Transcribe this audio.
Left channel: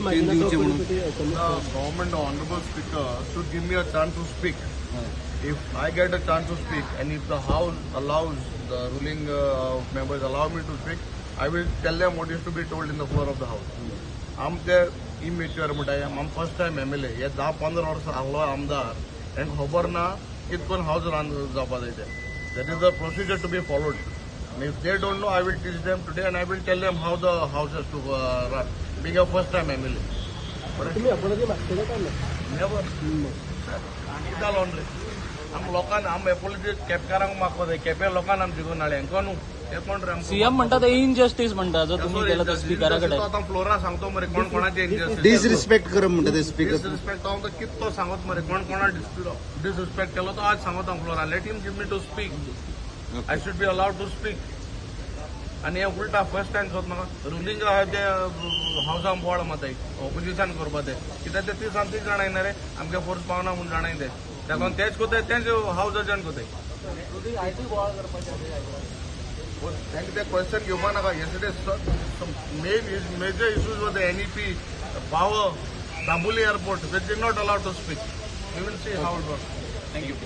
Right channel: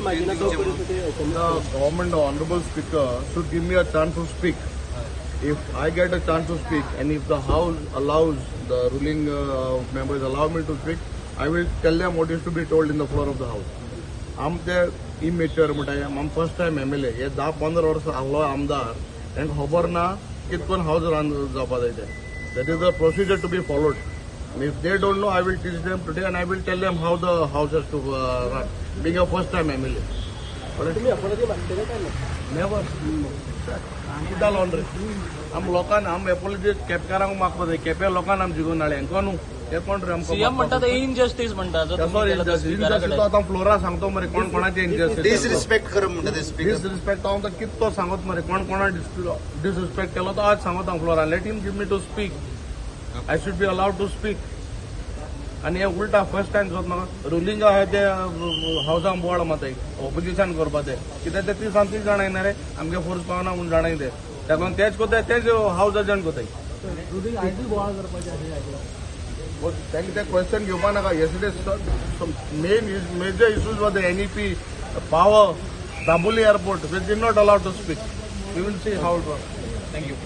The government, the honorable speaker, should give me a chance to speak. If I get a chance to speak, and if the house allows, the ruling members allow me to speak, I will tell them what is to be told in the floor of the house. I'm the immature, I'm first time MLA. हे 10-15 वर्ष आलो आमदार, and खबर ना कितकोन house run जापा जायते. That is the procedure to be followed. And if they don't know, I will teach them today, and I will tell them how the house has to run. Being a first time MLA. Never. कितना lawn रे हम लोकांना हम एपोलिटी केपकारांक मागपाक केप्या लोकांना आम जिगून नाळे कोण ते कोण रे आमकां म्हणटा ते इनजस्टिस म्हणटा सॉरी इनजस्टिस तो आतां फ्लोरा सांगतो मरे कोण कोणाचे इनजस्टिस डिसरिस्पेक्ट करप म्हणटा ते स्पीकर डिसरिस्पेक्ट हांव तो कितलो सांगत मरे कोण कोणा डिसरिस्पेक्ट केलो तो आज सांगत हांव Flora let him give me to speak I should be allowed to speak आनी हे उलटा फर्स्ट टाइम जाता म्हाका रुलींग आहा ते हावसांक बोवाळ माताय ऑपोजिशन करपा ते कित्याक ते ती सांगती जाणायना रे आमगे फोर्स पावना म्हूण जाणाय ते देखून तेच कोताय तेच हावस एजंट कोताय तांकां ते क्वेश्चन घेवपा नाका येस्टरडे मेजर इश्यूज वर the NEP power Dabolim airport we did not allowed to speak we will see how it work thank you